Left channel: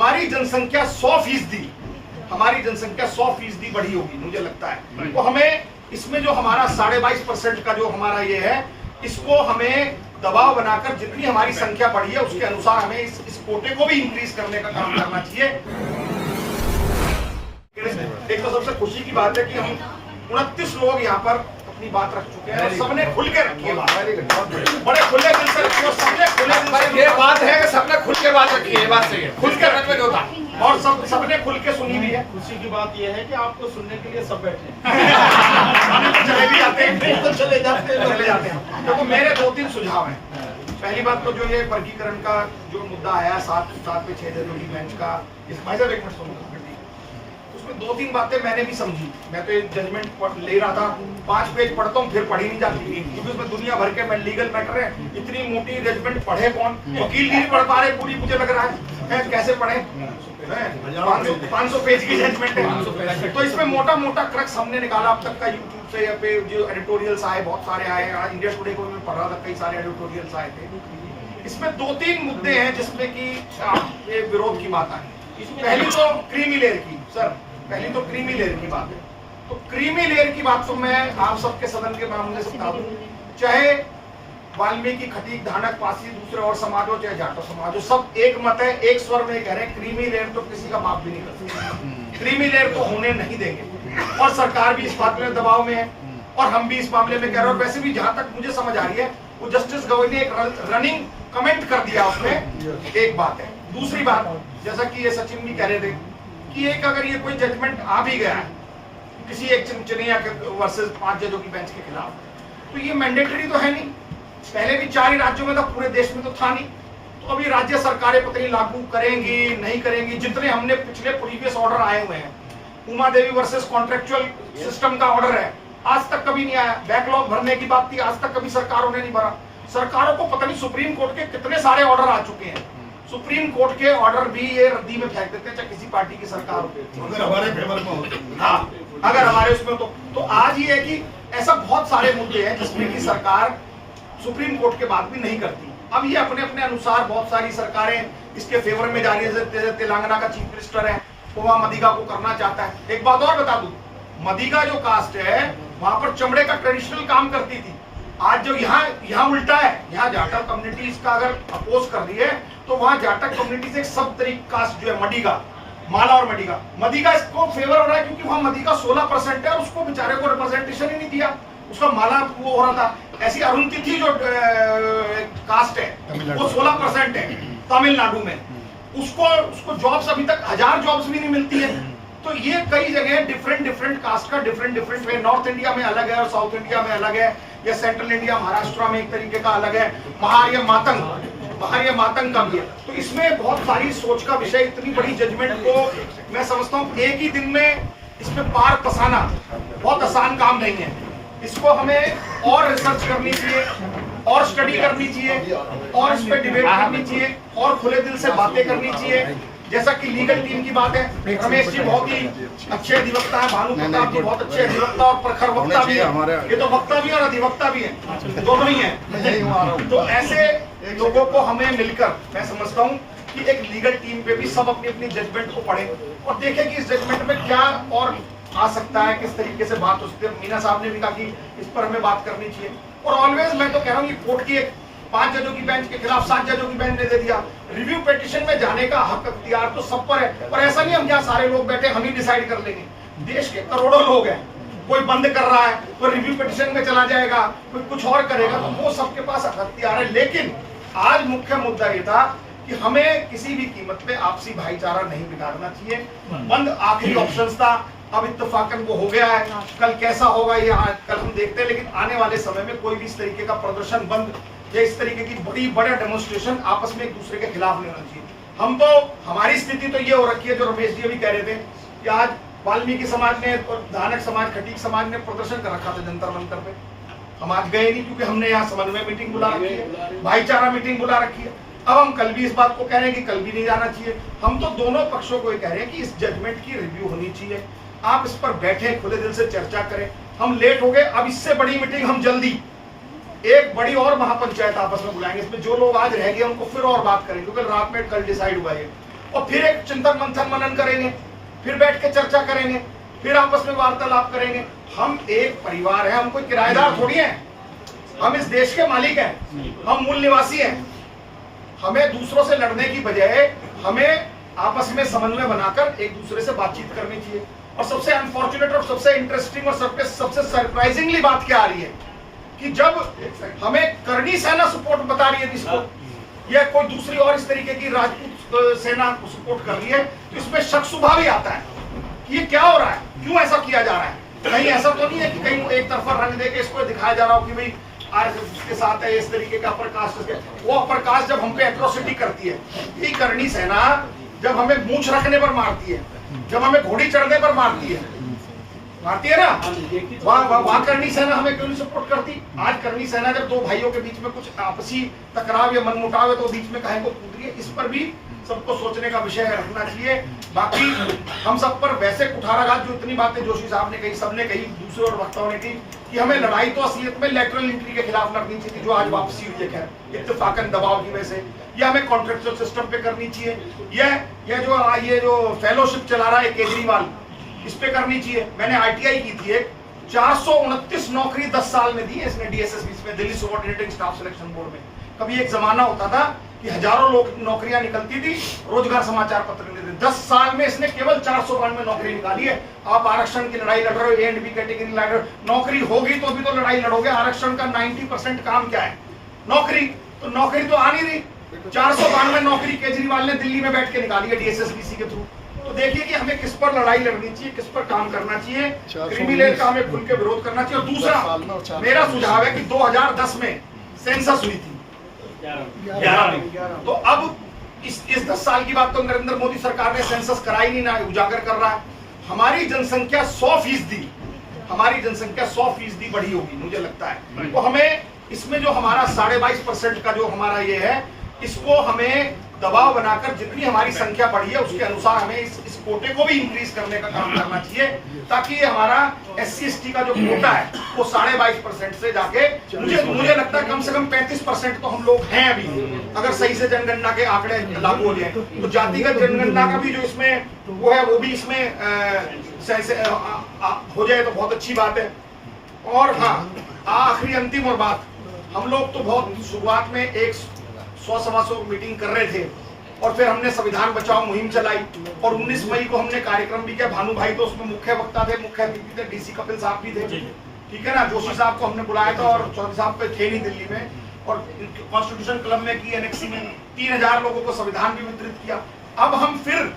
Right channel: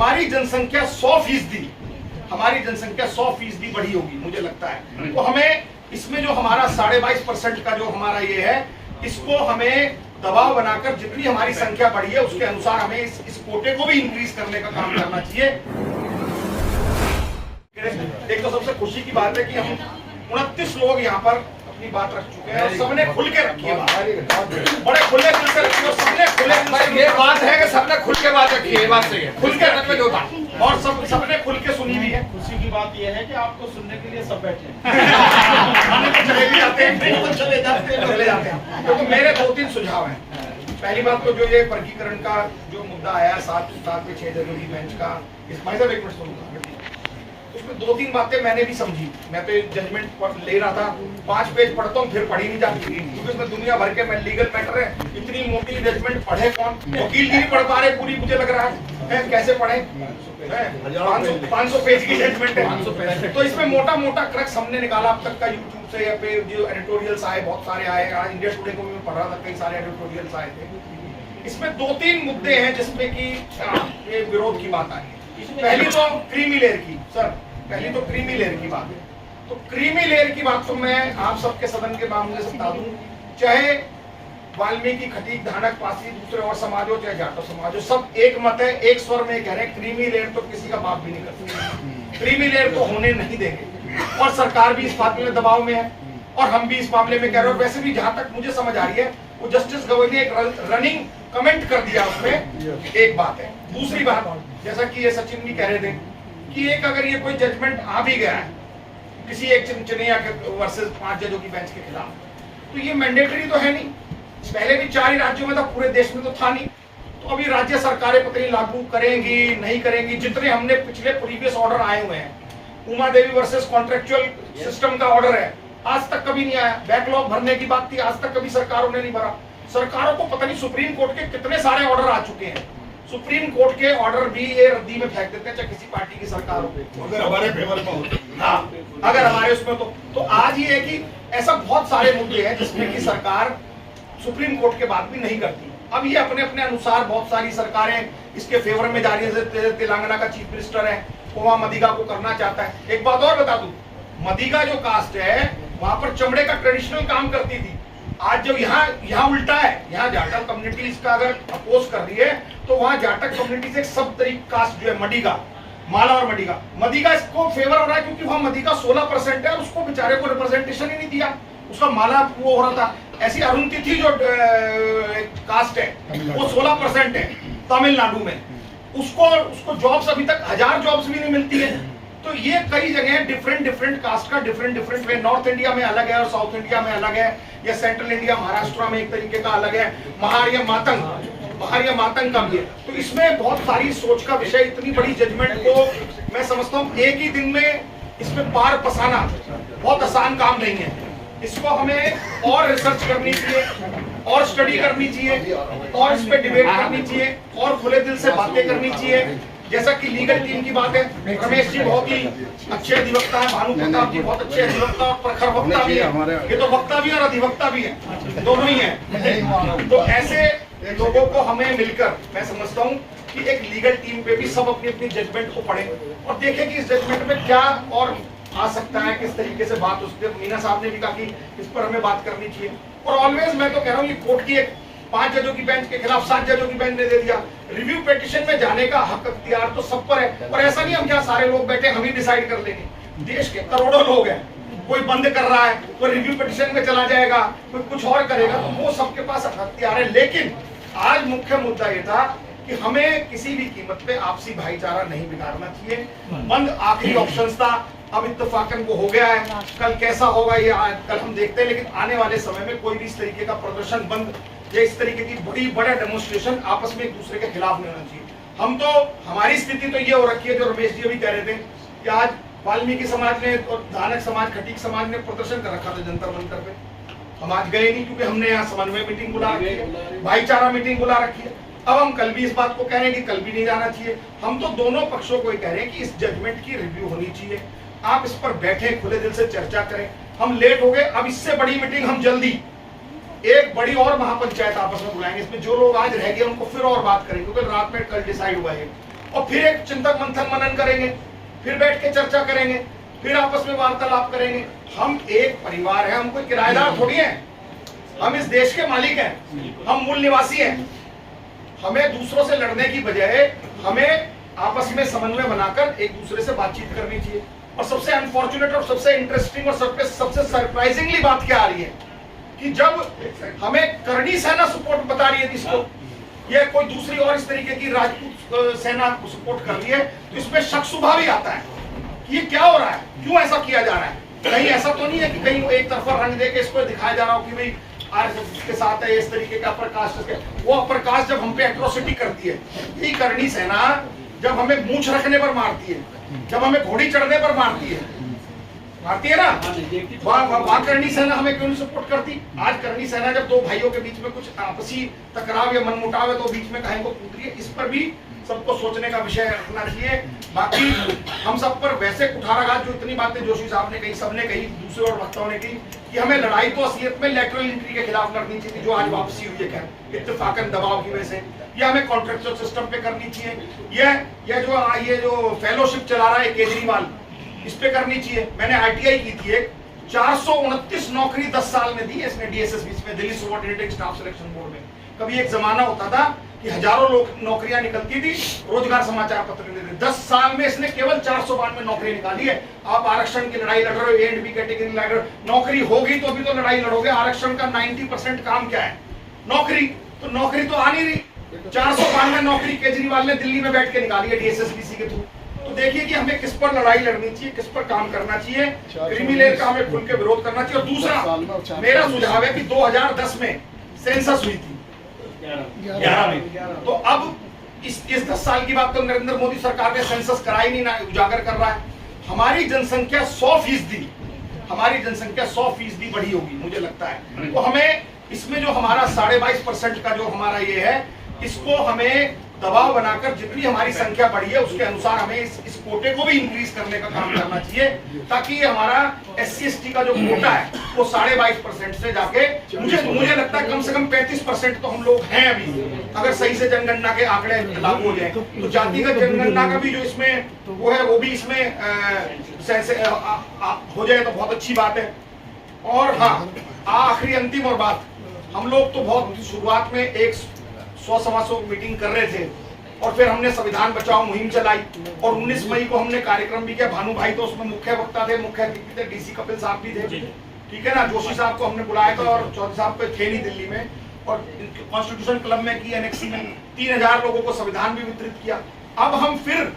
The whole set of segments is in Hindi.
हमारी जनसंख्या 100% बढ़ी होगी मुझे लगता है। तो हमें इसमें जो हमारा 22.5% का जो हमारा ये है, इसको हमें दबाव बनाकर जितनी हमारी संख्या बढ़ी है उसके अनुसार हमें इस कोटे को भी इंक्रीज करने का काम करना चाहिए। एक तो सबसे खुशी की बात है कि हम 29 लोग यहाँ पर अपनी बात रख चुके हैं और सबने खुल के रखी है बात, बड़े खुले दिल से रखी है, सबने खुले दिल से। ये बात है कि सबने खुल के बात रखी है, ये बात सही है, खुल के रखने जो था और सबने खुल के सुनी भी है। खुशी की बात यह है कि आपको सुनने के लिए सब बैठे चले भी जाते हैं, चले जाते हैं। क्योंकि मेरे 2-3 सुझाव हैं। पहली बात तो जो ये वर्गीकरण का जो मुद्दा आया 7 पे 6 जरूरी बेंच का, इस भाई साहब एक मिनट सुनो, उसमें 2-3 बातें मैंने भी समझी। मैं तो जजमेंट ले रहा था, 5 पेज पढ़ता हूँ फिर पढ़ी नहीं जाती, क्योंकि उसमें दुनिया भर के लीगल मैटर है। इतनी मोटी जजमेंट पढ़े कौन, वकीलगिरी पढ़ पा रहे पूरी, मुझे लग रहा है कैसे पढ़े, 500 पेज की जजमेंट है। तो इसमें मोटा मोटा क्रक्स हमने निकाला अब तक का यूट्यूब से, या पे जो एडिटोरियल्स आए बहुत सारे आए, आज इंडिया टुडे को भी मैं पढ़ रहा था, कई सारे एडिटोरियल्स आए थे। इसमें 2-3 मुद्दे हैं जिसमें कि ये विरोध की बात आई है। पहली तो क्रीमी लेयर की, सर पहली तो क्रीमी लेयर की बात है। तो क्रीमी लेयर की बात तो मैं आप सबके सदन के मामले से बता दूं, चाहे वाल्मीकि, खटीक, धानक, पासी, दूसरे और समाज हो, चाहे जाटव समाज हो, सब एक मत है, एक स्वर में कह रहे हैं क्रीमी लेयर तो किसी का बाप भी नहीं कर सकता, क्रीमी लेयर तो होने नहीं देंगे। और सरकार भी इस बात में दबाव में है और हम भी इस मामले में कह रहे हैं। वैसे भी जहां तक मुझे समझ आ रही है, वो जस्टिस गवई ने एक रनिंग कमेंट कर दिया उसमें, एक बात है। दूसरी बात, जैसा कि ये सचिन भी कह रहे थे कि एक अगर ये कोई जजमेंट आ भी गया है किसी एक चिनचिनिया के वर्सेस 5 जजों की बेंच के खिलाफ, तो ये मैंडेटरी तो है नहीं। पहले भी 4 ही राज्यों में था, पूरे देश में तो था नहीं। तो अभी राज्य सरकारें पता नहीं लागू करेंगी नहीं करेंगी। जितने हमने पिछले प्रीवियस ऑर्डर आए हुए हैं, Uma Devi versus contractual system का ऑर्डर है, आज तक कभी नहीं आया। बैकलॉग भरने की बात थी, आज तक कभी सरकारों ने नहीं भरा। सरकारों को पता नहीं सुप्रीम कोर्ट के कितने सारे ऑर्डर आ चुके हैं, सुप्रीम कोर्ट के ऑर्डर भी ये रद्दी में फेंक देते हैं, चाहे किसी पार्टी की सरकार हो, अगर हमारे फेवर में होते। हाँ, अगर हमारे उसमें तो आज ये है कि ऐसा बहुत सारे मुद्दे हैं जिसमें कि सरकार सुप्रीम कोर्ट के बात भी नहीं करती। अब ये अपने अपने अनुसार बहुत सारी सरकारें इसके फेवर में जा रही है। तेलंगाना का चीफ मिनिस्टर है, वो मदिगा को करना चाहता है। एक बात और बता दूं, मदिगा जो कास्ट है वहां पर चमड़े का ट्रेडिशनल काम करती थी। आज जो यहाँ उल्टा है, यहाँ जाटक कम्युनिटी इसका अगर अपोज कर रही है, तो वहां जाटक कम्युनिटी से एक सब तरीक कास्ट जो है मडिगा, माला और मदिगा इसको फेवर हो रहा है, क्योंकि वहां मदिगा 16% है, उसको बेचारे को रिप्रेजेंटेशन ही नहीं दिया, उसका माला वो हो रहा था। ऐसी अरुणतिथि जो कास्ट है वो 16% है तमिलनाडु में, उसको जॉब्स अभी तक 1000 जॉब्स भी नहीं मिलती है। तो ये कई जगह डिफरेंट कास्ट का डिफरेंट वे, नॉर्थ इंडिया में अलग है और साउथ इंडिया में अलग है, या सेंट्रल इंडिया महाराष्ट्र में एक तरीके का अलग है, महार्य मातंग का भी है। तो इसमें बहुत सारी सोच का विषय। इतनी बड़ी जजमेंट को मैं समझता हूँ एक ही दिन में इसमें पार पसाना बहुत आसान काम नहीं है। इसको हमें और रिसर्च करनी चाहिए, और स्टडी करनी चाहिए, और इस पर डिबेट करनी चाहिए, और खुले दिल से बातें करनी चाहिए। जैसा कि लीगल टीम की बात है, रमेश जी बहुत ही अच्छे अधिवक्ता है, भानु प्रताप जी बहुत अच्छे अधिवक्ता और प्रखर वक्ता भी है। ये तो वक्ता भी और अधिवक्ता भी है, दोनों ही है। तो ऐसे लोगों को हमें मिलकर, मैं समझता हूँ कि एक लीगल टीम पे भी सब अपनी अपनी जजमेंट को पढ़े और देखें कि इस जजमेंट में क्या और आ सकता है, किस तरीके से बात हो सकती है। मीना साहब ने भी कहा कि इस पर हमें बात करनी चाहिए। और ऑलवेज मैं तो कह रहा हूँ, ये कोर्ट की एक 5 जजों की बेंच के खिलाफ 7 जजों की बेंच ने दे दिया। रिव्यू पिटीशन में जाने का हक अख्तियार तो सब पर है। और ऐसा नहीं हम यहाँ सारे लोग बैठे हम ही डिसाइड कर लेंगे। देश के करोड़ों लोग हैं, कोई बंद कर रहा है, कोई रिव्यू पिटीशन में चला जाएगा, कोई कुछ और करेगा, तो वो सबके पास हक अख्तियार है। लेकिन आज मुख्य मुद्दा ये था कि हमें किसी भी कीमत पे आपसी भाईचारा नहीं बिगाड़ना चाहिए। बंद आखिरी ऑप्शन था, अब इत्तेफाकन वो हो गया है। कल कैसा होगा ये कल हम देखते हैं, लेकिन आने वाले समय में कोई भी इस तरीके का प्रदर्शन बंद या इस तरीके की बड़ा डेमोन्स्ट्रेशन आपस में एक दूसरे के खिलाफ नहीं होना चाहिए। हम तो, हमारी स्थिति तो ये हो रखी है, जो रमेश जी अभी कह रहे थे कि आज वाल्मीकि समाज ने और धानक समाज, खटीक समाज ने प्रदर्शन कर रखा था जंतर मंतर पे। हम आज गए नहीं क्योंकि हमने यहाँ समन्वय मीटिंग बुला रखी है, भाईचारा मीटिंग बुला रखी है। अब हम कल भी इस बात को कह रहे हैं कि कल भी नहीं जाना चाहिए। हम तो दोनों पक्षों को ये कह रहे हैं कि इस जजमेंट की रिव्यू होनी चाहिए। आप इस पर बैठे, खुले दिल से चर्चा करें। हम लेट हो गए, अब इससे बड़ी मीटिंग हम जल्दी एक बड़ी और महापंचायत आपस में बुलाएंगे। इसमें जो लोग आज रह गए उनको फिर और बात करेंगे, क्योंकि रात में कल डिसाइड हुआ है। और फिर एक चिंतन मंथन मनन करेंगे, फिर बैठ के चर्चा करेंगे, फिर आपस में वार्तालाप करेंगे। हम एक परिवार है, हम कोई किराएदार थोड़ी हैं, हम इस देश के मालिक हैं, हम मूल निवासी हैं। हमें दूसरों से लड़ने की बजाय हमें आपस में समन्वय बनाकर एक दूसरे से बातचीत करनी चाहिए। और सबसे अनफॉर्चुनेट और सबसे इंटरेस्टिंग और सबसे सरप्राइजिंगली बात क्या आ रही है कि जब हमें करणी सेना सपोर्ट बता रही है जिसको, या कोई दूसरी और इस तरीके की राजपूत सेना सपोर्ट कर रही है, तो इसमें शक शुबा भी आता है कि ये क्या हो रहा है, क्यों ऐसा किया जा रहा है। कहीं ऐसा तो नहीं है कि कहीं एक तरफा रंग दे के इसको दिखाया जा रहा हो कि भाई आरएसएस के साथ है, इस तरीके का अपर कास्ट। वो अपर कास्ट जब हम पे एट्रोसिटी करती है, यही करणी सेना जब हमें मूंछ रखने पर मारती है, जब हमें घोड़ी चढ़ने पर मारती है ना, वहां करणी सेना हमें क्यों नहीं सपोर्ट करती। आज करणी सेना जब दो भाइयों के बीच में कुछ आपसी टकराव या मनमुटाव है तो बीच में कहीं को कूद रही है, इस पर भी सबको सोचने का विषय रखना चाहिए। बाकी हम सब पर वैसे कुठाराघात, जो इतनी बातें जोशी साहब ने कही, सबने कही, दूसरे और वक्ताओं ने की कि हमें लड़ाई तो असलियत में लेटरल एंट्री के खिलाफ लड़नी चाहिए, जो आज वापसी हुई है खैर इत्तेफाकन दबाव की वजह से, या हमें कॉन्ट्रेक्चुअल सिस्टम पे करनी चाहिए। ये जो फेलोशिप चला रहा है केजरीवाल, इस पे करनी चाहिए। मैंने आईटीआई की थी, 429 नौकरी 10 साल में दी है इसने डीएसएसबी में, Delhi subordinated staff selection board में। कभी एक जमाना होता था कि हजारों लोग नौकरियां निकलती थी, रोजगार समाचार पत्र लेते थे। 10 साल में इसने केवल 492 नौकरी निकाली है। आप आरक्षण की लड़ाई लड़ रहे हो, ए एंड बी कैटेगरी लड़ रहे हो, नौकरी होगी तो भी तो लड़ाई लड़ोगे। आरक्षण का 90% काम क्या है, नौकरी। तो नौकरी तो आ नहीं रही। 492 नौकरी केजरीवाल ने दिल्ली में बैठ के निकाली है डीएसएसबीसी के थ्रू। तो देखिए कि हमें किस पर लड़ाई लड़नी चाहिए, किस पर काम करना चाहिए, क्रिमिनल का हमें खुल के विरोध करना चाहिए। और दूसरा मेरा सुझाव है कि 2010 में सेंसस हुई थी 11 में, तो अब इस 10 साल की बात तो नरेंद्र मोदी सरकार ने सेंसस कराई नहीं, ना उजागर कर रहा है। हमारी जनसंख्या 100%, हमारी जनसंख्या 100% बढ़ी होगी मुझे लगता है। तो हमें इसमें जो हमारा 22.5% का जो हमारा ये है, इसको हमें दबाव बनाकर जितनी हमारी संख्या बढ़ी है उसके अनुसार हमें इस कोटे को भी इंक्रीज करने का काम करना चाहिए, ताकि हमारा SC/ST का जो कोटा है वो 22.5% से जाके मुझे लगता है कम से कम 35% तो हम लोग हैं अभी, अगर सही से जनगणना के आंकड़े लागू हो जाए। तो जातिगत जनगणना का भी जो इसमें वो है, वो भी इसमें हो जाए तो बहुत अच्छी बात है। और हाँ, आखिरी अंतिम और बात, हम लोग तो बहुत शुरुआत में 100-125 मीटिंग कर रहे थे, और फिर हमने संविधान बचाओ मुहिम चलाई, और 19 मई को हमने कार्यक्रम भी किया। भानु भाई तो उसमें मुख्य वक्ता थे, मुख्य अतिथि थे, डीसी कपिल साहब भी थे, ठीक है ना। जोशी साहब को हमने बुलाया था और चौधरी साहब पे थे नहीं दिल्ली में, और कॉन्स्टिट्यूशन क्लब में की, एनेक्सी में 3000 लोगों को संविधान भी वितरित किया। अब हम फिर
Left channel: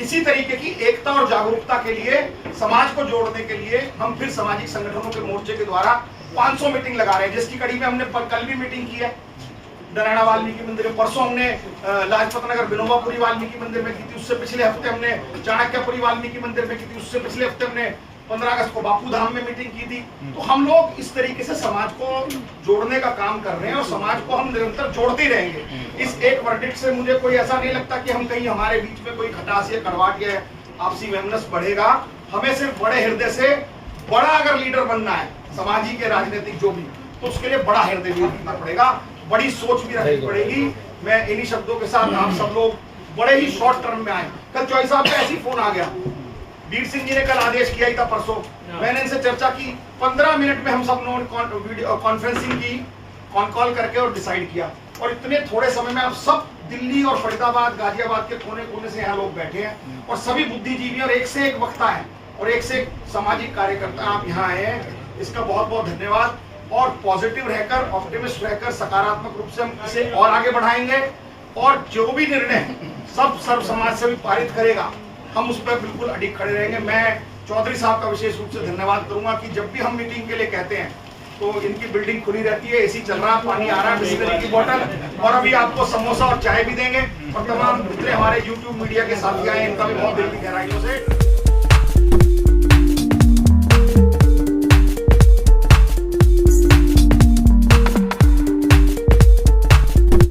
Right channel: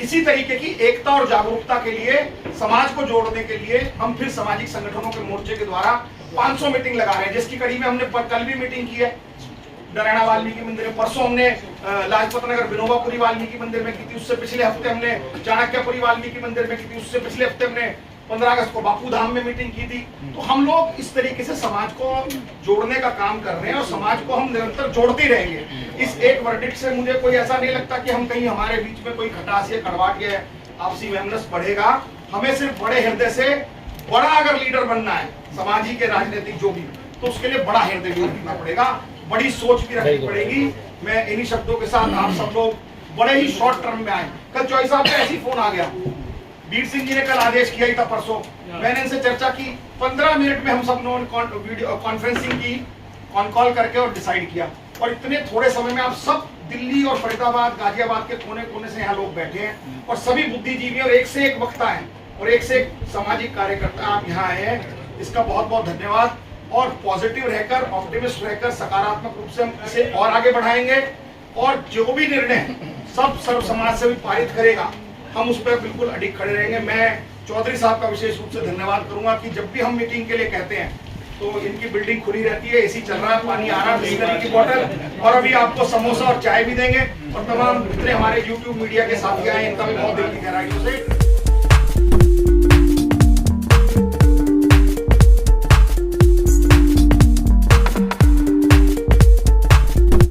इसी तरीके की एकता और जागरूकता के लिए, समाज को जोड़ने के लिए हम फिर सामाजिक संगठनों के मोर्चे के द्वारा 500 मीटिंग लगा रहे हैं, जिसकी कड़ी में हमने कल भी मीटिंग की है नारायण वाल्मीकि मंदिर में, परसों हमने लाजपत नगर विनोबापुरी वाल्मीकि मंदिर में की थी, उससे पिछले हफ्ते हमने चाणक्यपुरी वाल्मीकि मंदिर में की थी, उससे पिछले हफ्ते हमने 15 अगस्त को बापू धाम में मीटिंग की थी। तो हम लोग इस तरीके से समाज को जोड़ने का काम कर रहे हैं, और समाज को हम निरंतर जोड़ते ही रहेंगे। इस एक वर्डिक्ट से मुझे कोई ऐसा नहीं लगता कि हम कहीं हमारे बीच में कोई खटास या कड़वाहट या आपसी वैमनस्य बढ़ेगा। हमें सिर्फ बड़े हृदय से बड़ा अगर लीडर बनना है, समाजी के राजनीतिक जो भी, तो उसके लिए बड़ा हृदय भी रखना पड़ेगा, बड़ी सोच भी रखनी पड़ेगी। मैं इन्हीं शब्दों के साथ आप सब लोग बड़े ही शॉर्ट टर्म में आए। कल चौधरी साहब पे ऐसी फोन आ गया, वीर सिंह जी ने कल आदेश किया ही था परसों, मैंने इनसे चर्चा की, 15 मिनट में हम सब लोगों वीडियो कॉन्फ्रेंसिंग की, कॉन कॉल करके और डिसाइड किया। और इतने थोड़े समय में आप सब दिल्ली और फरीदाबाद, गाजियाबाद के कोने कोने से यहाँ लोग बैठे हैं, और सभी बुद्धिजीवी और एक से एक वक्ता है और एक से एक सामाजिक कार्यकर्ता आप यहाँ आए हैं। इसका बहुत बहुत धन्यवाद। और पॉजिटिव रहकर, ऑप्टिमिस्ट रहकर, सकारात्मक रूप से हम इसे और आगे बढ़ाएंगे, और जो भी निर्णय सब सर्व समाज से भी पारित करेगा, हम उस पर बिल्कुल अडिग खड़े रहेंगे। मैं चौधरी साहब का विशेष रूप से धन्यवाद करूंगा कि जब भी हम मीटिंग के लिए कहते हैं तो इनकी बिल्डिंग खुली रहती है, एसी चल रहा है, पानी आ रहा है, बिस्लरी की बोतल, और अभी आपको समोसा और चाय भी देंगे। और तमाम जितने हमारे YouTube मीडिया के साथी आए, इनका भी बहुत दिल की गहराइयों से